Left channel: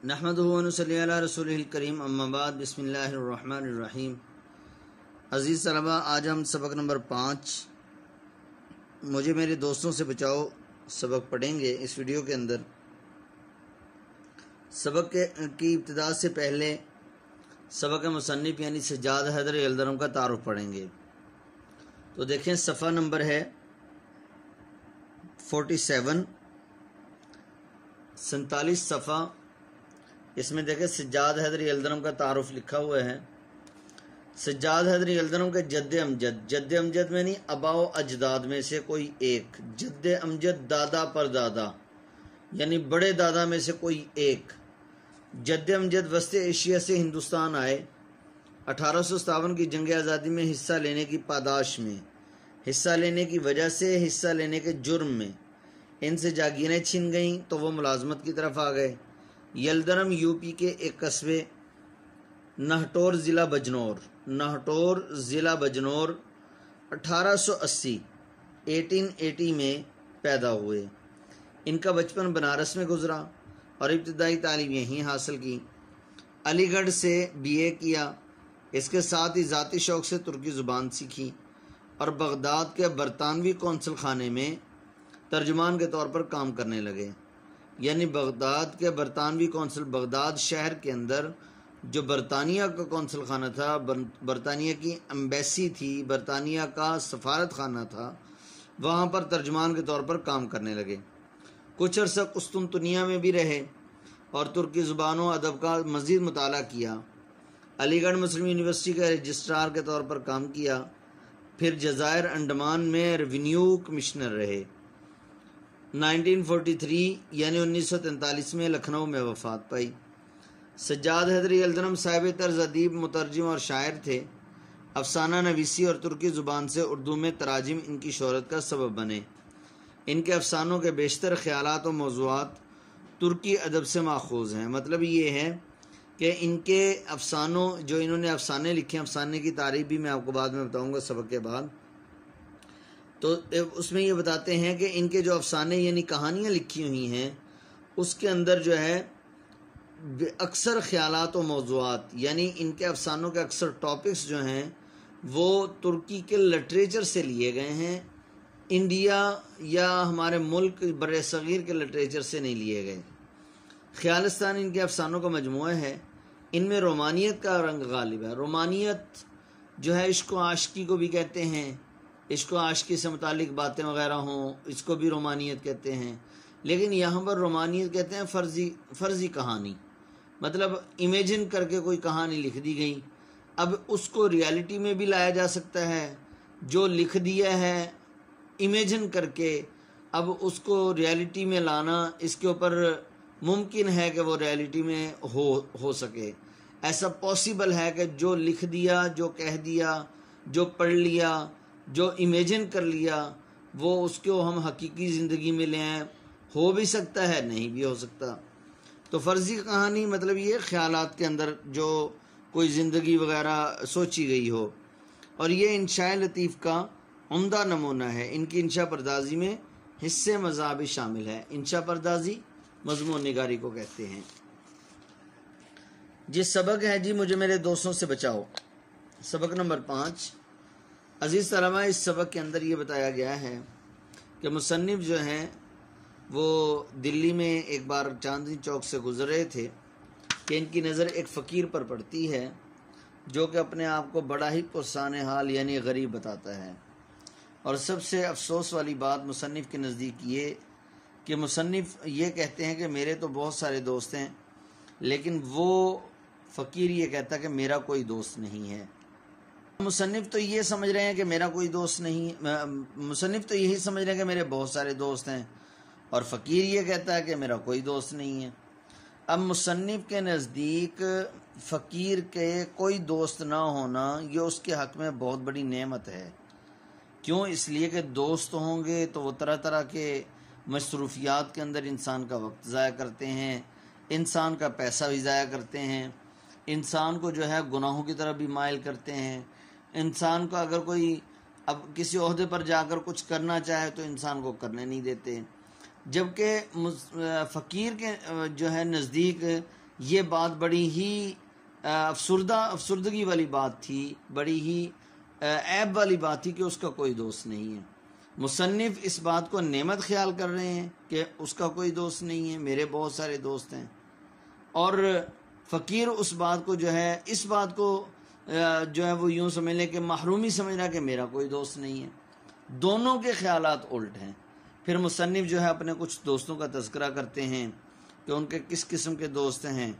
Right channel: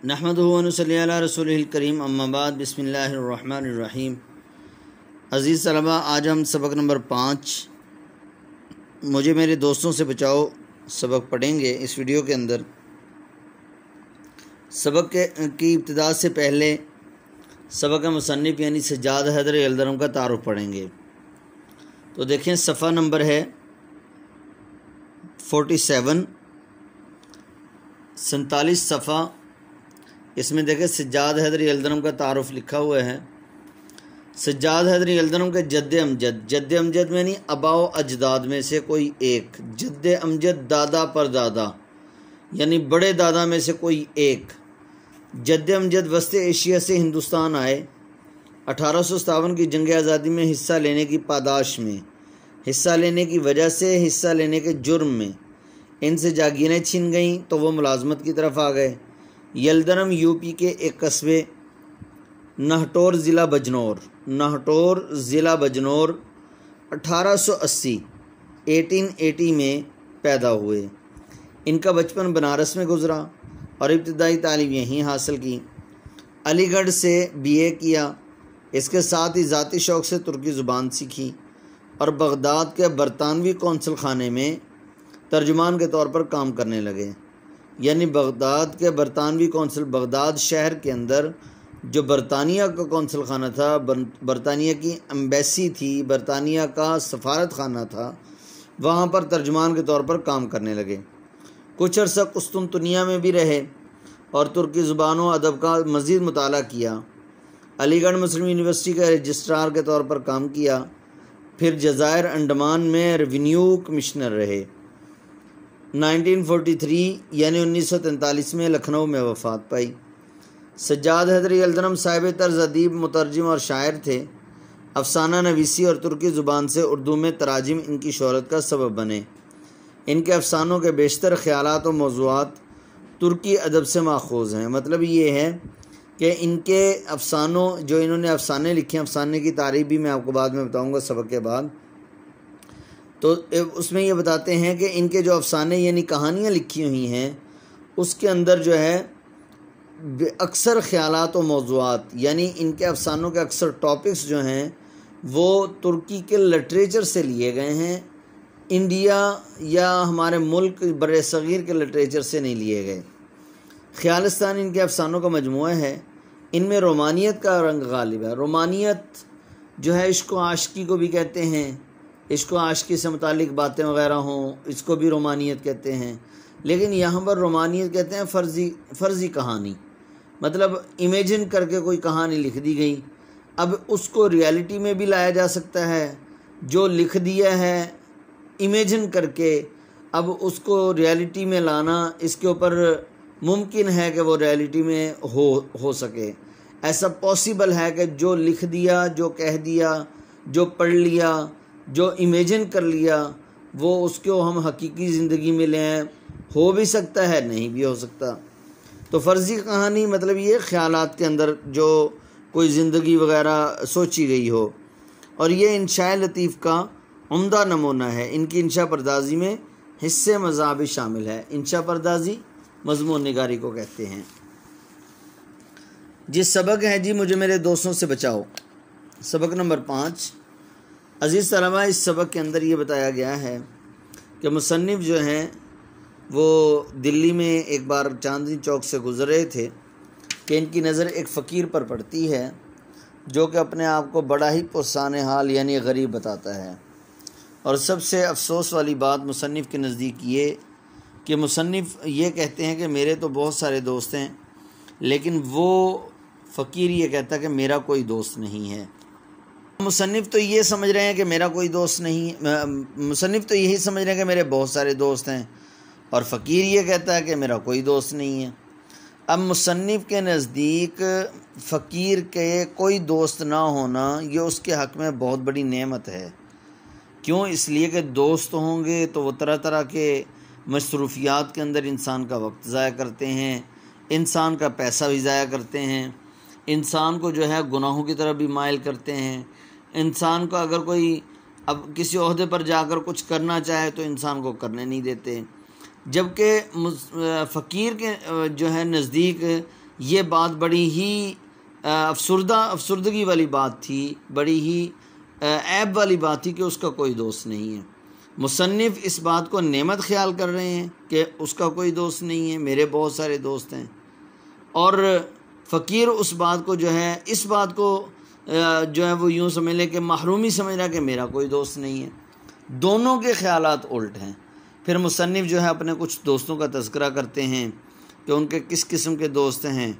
नहमदुहु व नसल्ली अला रसूलिल करीम अम्मा बाद बिस्मिल्लाहिर रहमानिर रहीम। अज़ीज़ तलबा, आज हम सबक नंबर 5 मुझे मेरे दोस्तों से बचाओ सबक पढ़ेंगे। इस वीडियो के अंदर सबक की इब्तिदा से पहले सबक मुसन्निफ़ यानी सज्जाद हैदर अलदरम का तारुफ़ पढ़ेंगे। तो देखें, सफ़ा नंबर है 47 47 सफ़ा। इसमें देखें सज्जाद हैदर अलदरम का तारुफ़ लिखा हुआ है। सज्जाद हैदर अलदरम के जद्द अमजद में नहीं, अबाओ अजदाद में से कोई एक। जद्द अमजद दादा पर दादा यानी बड़े दादा में से कोई एक। जद्द अमजद वस्त एशिया से हिंदुस्तान आए। 1857 की जंग आज़ादी में हिस्सा लेने की पादाश में, हिस्सा लेने की वजह से, हिस्सा लेने के जुर्म में इनसे जागीरें छिन गईं तो वो मुलाजमत की तरफ आ गए। यलदरम यूपी के एक कस्बे नाहटौर ज़िला बजनौर 1880 में पैदा हुए। इनका बचपन बनारस में गुजरा और इब्तिदाई तालीम यहीं हासिल की। अलीगढ़ से बीए किया। इसके साथ ही ज़ाती शौक़ से तुर्की ज़ुबान सीखी और बगदाद के बरतानवी कौंसल खाने में तर्जुमान के तौर पर काम करने लगे। यानी बगदाद के बरतानवी कौंसल, बगदाद शहर के अंदर जो बरतानिया का कौंसल खाना था, बरतानिया की एम्बेसी थी, बरतानिया का सफारत खाना था, वहाँ पर तर्जुमान के तौर पर काम करने लगे। कुछ अर्सा कुस्तुनतुनिया में भी रहे और तुर्की ज़ुबानों अदब का मज़ीद मुताला किया। अलीगढ़ मुस्लिम यूनिवर्सिटी के रजिस्ट्रार के तौर पर काम किया। फिर जज़ायर अंडमान में रेवेन्यू कमिश्नर रहे। 1943 यानी 1943 में लखनऊ में वफ़ात पाई। सज्जाद हैदर अलदरम साहिब तर्ज अदीब, मुतरजिम और शायर थे। अफसाना नवीसी और तुर्की ज़ुबान से उर्दू में तराजिम इनकी शोहरत का सबब बने। इनके अफसानों के बेशतर ख़यालात और मौज़ूआत तुर्की अदब से माखूज़ हैं। मतलब ये है कि इनके अफसानों, जो इन्होंने अफसाने लिखे हैं, अफसाने की तारीफ़ भी मैं आपको बाद में बताऊँगा सबक के बाद, तो उसमें ये बताते हैं कि इनके जो अफसाने यानी कहानियाँ लिखी हुई हैं उसके अंदर जो है अक्सर ख़यालात और मौज़ूआत, यानी इनके अफसानों के अक्सर टॉपिक्स जो हैं वो तुर्की के लिटरेचर से लिए गए हैं। इंडिया या हमारे मुल्क बड़े सग़ीर के लिटरेचर से नहीं लिए गए। ख़यालिस्तान इनके अफसानों का मजमूआ है। इनमें रोमानियत का रंग गालिब है। रोमानियत जो है इश्क़ व आशिकी को भी कहते हैं। इश्क़ व आशिकी से मुतालिक बातें वग़ैरह हों, इसको भी रोमानियत कहते हैं। लेकिन यहाँ पर रोमानियत कहते हैं फ़र्ज़ी कहानी, मतलब इमेजिन करके कोई कहानी लिख दी गई। अब उसको रियलिटी में भी लाया जा सकता है। जो लिख दिया है इमेजिन करके, अब उसको रियलिटी में लाना, इसके ऊपर मुमकिन है कि वो रियलिटी में हो सके। ऐसा पॉसिबल है कि जो लिख दिया, जो कह दिया, जो पढ़ लिया, जो इमेजिन कर लिया, वो उसको हम हकीकी ज़िंदगी में लें। हो भी सकता है, नहीं भी हो सकता। तो फ़र्ज़ी कहानी मतलब ये ख़यालात के अंदर जो कोई ज़िंदगी वग़ैरह सोची गई हो। और ये इंशाए लतीफ़ का उम्दा नमूना है। इनकी इंशा परदाज़ी में हिस्से मज़ा भी शामिल है। इंशा परदाज़ी मज़मून निगारी को कहते हैं। जिस सबक है जी मुझे मेरे दोस्तों से बचाओ, सबक नंबर 5। अज़ीज़ तलबा, इस सबक के अंदर ये बताया गया है कि मुसन्निफ़ जो हैं वो दिल्ली में एक बार चांदनी चौक से गुज़र रहे थे कि इनकी नज़र एक फ़कीर पर पड़ती है जो कि अपने आप को बड़ा ही पुरसाने हाल यानी गरीब बताता है। और सबसे अफसोस वाली बात मुसन्निफ़ के नज़दीक ये कि मुसन्निफ़ ये कहते हैं कि मेरे तो बहुत सारे दोस्त हैं, लेकिन वो फ़कीर ये कहता है कि मेरा कोई दोस्त नहीं है। मुसन्निफ़ तो ये समझ रहे हैं कि मेरा कोई दोस्त नहीं है, मुसन्निफ़ तो यही समझ रहे हैं कि मेरे बहुत सारे दोस्त हैं, और फ़कीर ये कहता है कि मेरा कोई दोस्त नहीं है। अब मुसन्निफ़ के नज़दीक फ़कीर के कोई दोस्त ना होना ये उसके हक़ में बहुत बड़ी नेमत है। क्यों? इसलिए कि दोस्त होंगे तो वो तरह तरह के मसरूफ़ियात के अंदर इंसान का वक्त ज़ाया करते हैं, इंसान का पैसा भी ज़ाया करते हैं, इंसान को जो है गुनाहों की तरफ भी माइल करते हैं। इंसान को अगर कोई अब किसी ओहदे पर जाकर कुछ करना चाहे तो इंसान को करने नहीं देते। जबकि फ़कीर के जो है नज़दीक ये बात बड़ी ही अफसुर्दगी वाली बात थी, बड़ी ही ऐब वाली बात थी कि उसका कोई दोस्त नहीं है। मुसन्निफ़ इस बात को नेमत ख्याल कर रहे हैं कि उसका कोई दोस्त नहीं है, मेरे बहुत सारे दोस्त हैं, और फ़कीर उस बात को जो है, इस बात को जो है वो यूँ समझ ले कि महरूमी समझ रहा है कि मेरा कोई दोस्त नहीं है। दोनों के ख़यालात उल्ट हैं। फिर मुसन्निफ़ जो है अपने कुछ दोस्तों का तज़किरा करते हैं कि उनके किस किस्म के दोस्त हैं,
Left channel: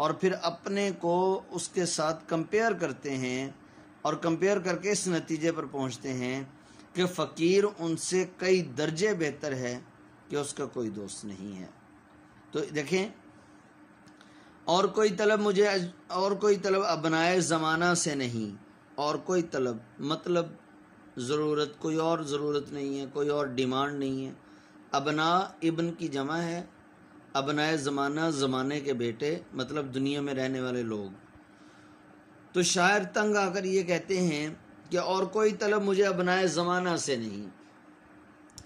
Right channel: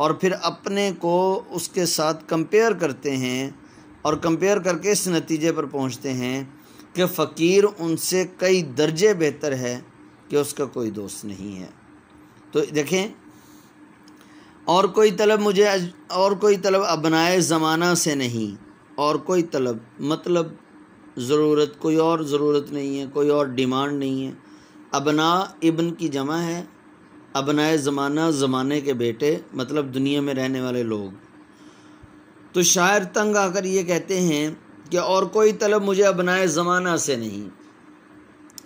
और फिर अपने को उसके साथ कंपेयर करते हैं, और कंपेयर करके इस नतीजे पर पहुंचते हैं कि फ़कीर उनसे कई दर्जे बेहतर है कि उसका कोई दोस्त नहीं है। तो देखें, और कोई तलब अबनाए ज़माना से नहीं, और कोई तलब मतलब ज़रूरत, कोई और ज़रूरत नहीं है, कोई और डिमांड नहीं है। अबना इब्न की जमा है, अबनाए ज़माना ज़माने के बेटे, मतलब दुनिया में रहने वाले लोग। तो शायर तंग आकर ये कहते हैं कि और कोई तलब मुझे अबनाए ज़माना से नहीं,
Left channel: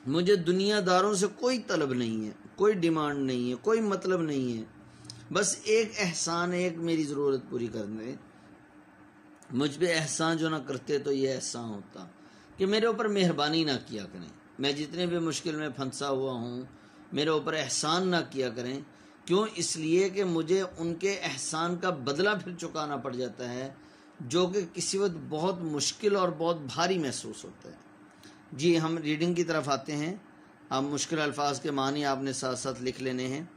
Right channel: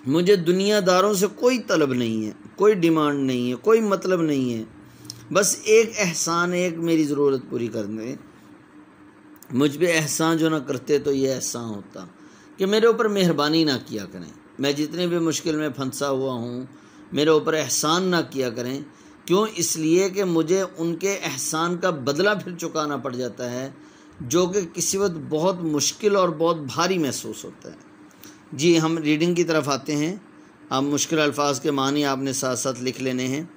मुझे दुनियादारों से कोई तलब नहीं है, कोई डिमांड नहीं है, कोई मतलब नहीं है, बस एक एहसान, एक मेरी ज़रूरत पूरी कर दें। मुझ पे एहसान जो ना करते तो ये एहसान होता कि मेरे ऊपर मेहरबानी ना किया करें, मैं जितनी भी मुश्किल में फंसा हुआ हूँ मेरे ऊपर एहसान ना किया करें। क्यों? इसलिए कि मुझे उनके एहसान का बदला फिर चुकाना पड़ जाता है, जो कि किसी वक्त बहुत मुश्किल और बहुत भारी महसूस होता है। जी, हम रीडिंग की तरफ आते हैं। अब मुश्किल अल्फाज के मानी आपने साथ साथ लिख लेने हैं।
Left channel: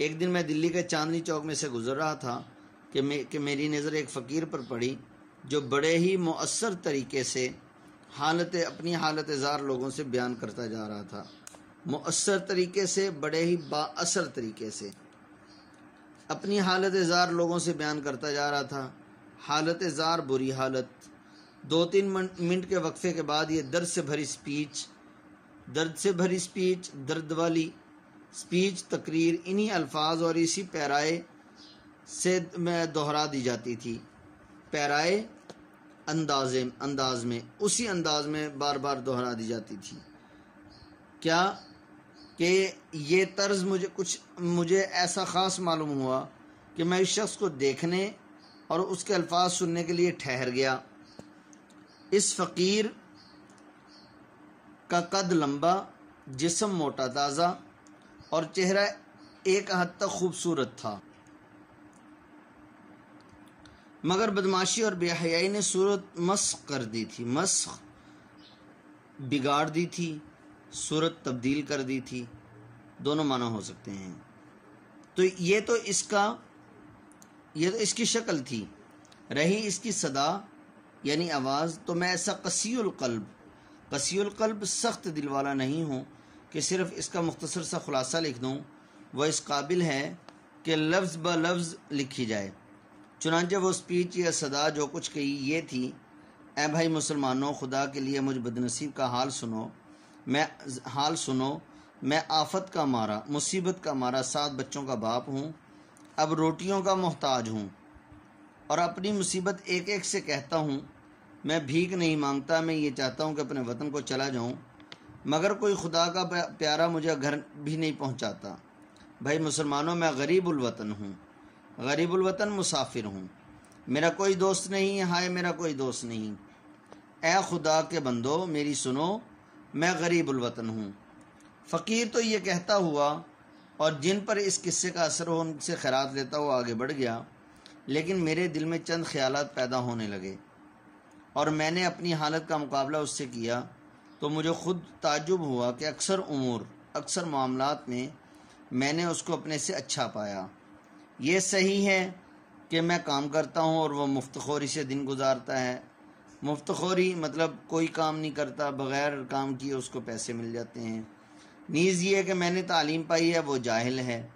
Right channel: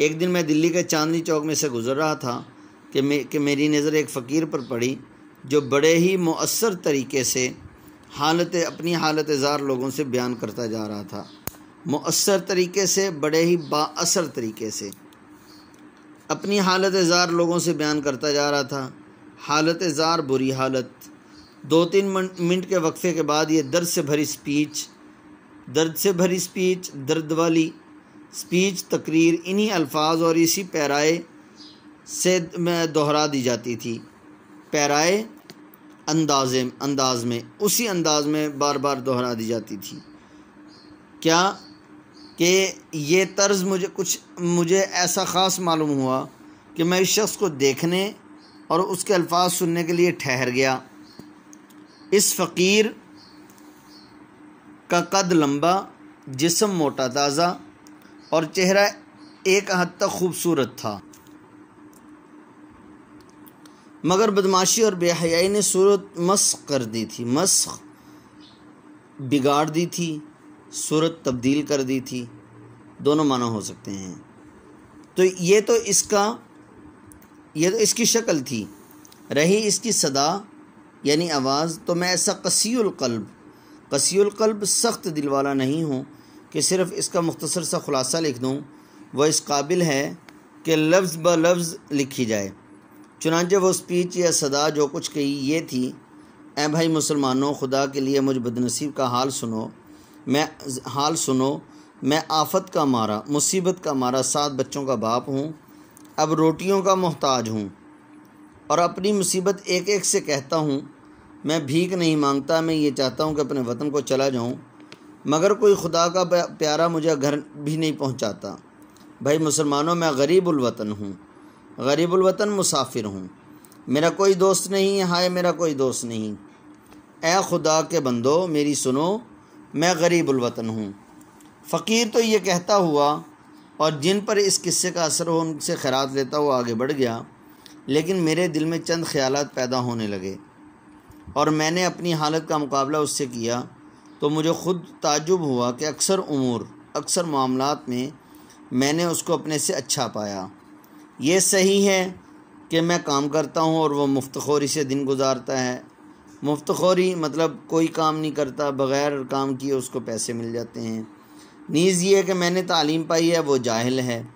एक दिन मैं दिल्ली के चांदनी चौक में से गुज़र रहा था कि मेरी नज़र एक फ़कीर पर पड़ी जो बड़े ही मुअस्सर तरीके से अपनी हालत ज़ार लोगों से बयान करता जा रहा था। मुअस्सर तरीके से, बड़े ही बाअसर तरीके से अपनी हालत ज़ार लोगों से बयान करता जा रहा था। हालत ज़ार, बुरी हालत। 2-3 मिनट के वक्फे के बाद ये दर्द से भरी स्पीच, दर्द वाली स्पीच, तकरीर इन्हीं अल्फाज और इसी पैराए से में दोहरा दी जाती थी। पैराए अंदाज में, उसी अंदाज में बार बार दोहरा दी जाती थी। क्या कि ये तर्ज मुझे ऐसा ख़ास मालूम हुआ कि मैं इस शख्स को देखने और उसके अल्फाज सुनने के लिए ठहर गया। इस फ़कीर का कद लंबा, जिस्म मोटा ताज़ा और चेहरा एक हद तक खूबसूरत था, मगर बदमाशी और बेहयाई ने सूरत मस्ख कर दी थी। मस्ख बिगाड़ दी थी, सूरत तब्दील कर दी थी, दोनों माना हो सकते हैं। तो ये तो इसकी शक्ल थी। रही इसकी सदा यानी आवाज़, तो मैं ऐसा कसीउल क़ल्ब सख्त दिल वाला नहीं हूँ कि सिर्फ़ इसका मुख्तसर सा ख़ुलासा लिख दूँ। वह इस काबिल है कि लफ्ज़ ब लफ्ज़ लिखी जाए। चुनांचे वो स्पीच या सदा जो कुछ कही ये थी, ऐ भाई मुसलमानों, खुदा के लिए मुझ बदनसीब का हाल सुनो। मैं आफत का मारा, मुसीबत का मारा 7 बच्चों का बाप हूँ, अब रोटियों का मोहताज हूँ, और अपनी मुसीबत एक एक से कहता हूँ। मैं भीख नहीं मांगता, मैं ये चाहता हूँ कि अपने वतन को चला जाऊँ, मगर कोई खुदा का प्यारा मुझे घर भी नहीं पहुँचाता। भाई मुसलमानों, मैं गरीबुल वतन हूँ, गरीबुल वतन मुसाफिर हूँ, मेरा कोई दोस्त नहीं है, हाय मेरा कोई दोस्त नहीं। ए खुदा के बंदो मेरी सुनो, मैं गरीबुल वतन हूँ। फ़कीर तो ये कहता हुआ और जिन पर इस किस्से का असर हो उनसे खैरात लेता हुआ आगे बढ़ गया, लेकिन मेरे दिल में चंद ख्यालात पैदा होने लगे और मैंने अपनी हालत का मुकाबला उससे किया तो मुझे ख़ुद ताज्जुब हुआ कि अक्सर मामलात में मैंने उसको अपने से अच्छा पाया। ये सही है कि मैं काम करता हूँ और वह मुफ्तखोरी से दिन गुजारता है। मुफ्तखोरी मतलब कोई काम नहीं करता, बग़ैर काम किए उसको पैसे मिल जाते हैं। नीज़ ये कि मैंने तालीम पाई है, वो जाहिल है।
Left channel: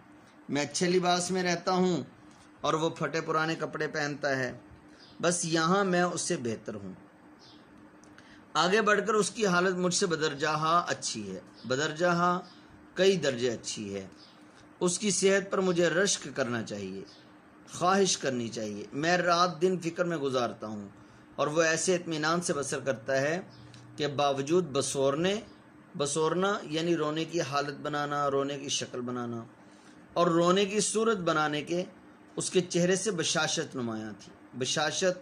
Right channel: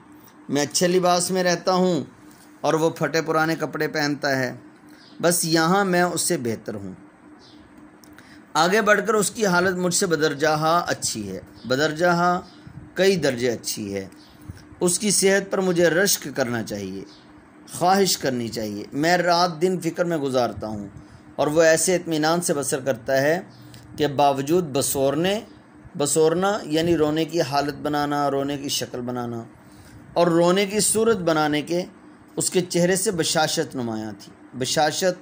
मैं अच्छे लिबास में रहता हूँ और वो फटे पुराने कपड़े पहनता है, बस यहाँ मैं उससे बेहतर हूँ। आगे बढ़कर उसकी हालत मुझसे बदरजहा अच्छी है, बदरजहा कई दर्जे अच्छी है। उसकी सेहत पर मुझे रश्क करना चाहिए, ख्वाहिश करनी चाहिए। मैं रात दिन फ़िक्र में गुजारता हूँ और वह ऐसे इत्मीनान से बसर करता है कि बावजूद बसोरना यानी रोने की हालत बनाना, रोने की शक्ल बनाना और रोने की सूरत बनाने के, उसके चेहरे से बशाशत नुमायाँ थी। बशाशत,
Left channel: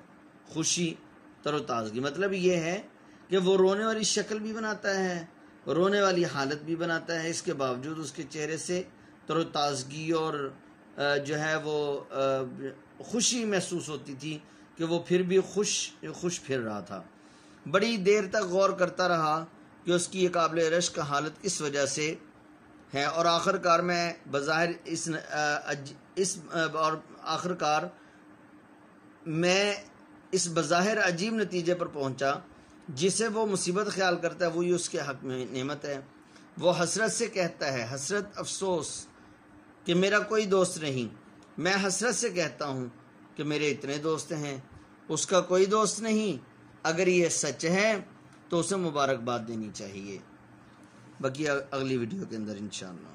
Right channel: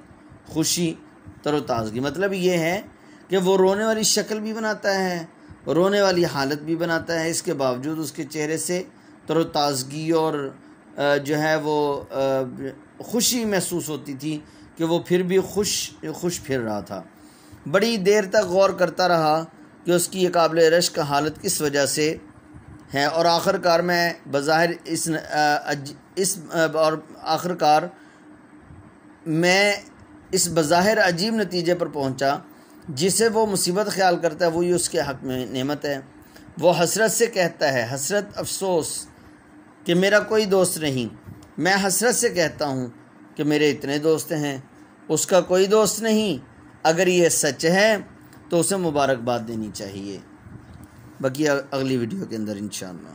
खुशी, तरोताज़गी, मतलब ये है कि वो रोने वाली शक्ल भी बनाता है, रोने वाली हालत भी बनाता है, इसके बावजूद उसके चेहरे से तरोताज़गी और जो है वो खुशी महसूस होती थी कि वो फिर भी खुश फिर रहा था। बड़ी देर तक गौर करता रहा कि उसकी ये काबिल रश्क हालत किस वजह से है, और आखिरकार मैं इस बज़ाहिर अजीब नतीजे पर पहुंचा, जिसे वो मुसीबत ख्याल करता है वही उसके हक़ में नेमत है। वो हसरत से कहता है, हसरत अफसोस कि मेरा कोई दोस्त नहीं। मैं हसरत से कहता हूँ कि मेरे इतने दोस्त हैं, उसका कोई दोस्त नहीं। अगर ये सच है तो उसे मुबारकबाद देनी चाहिए। बाकी अगली वीडियो के अंदर इंशाअल्लाह।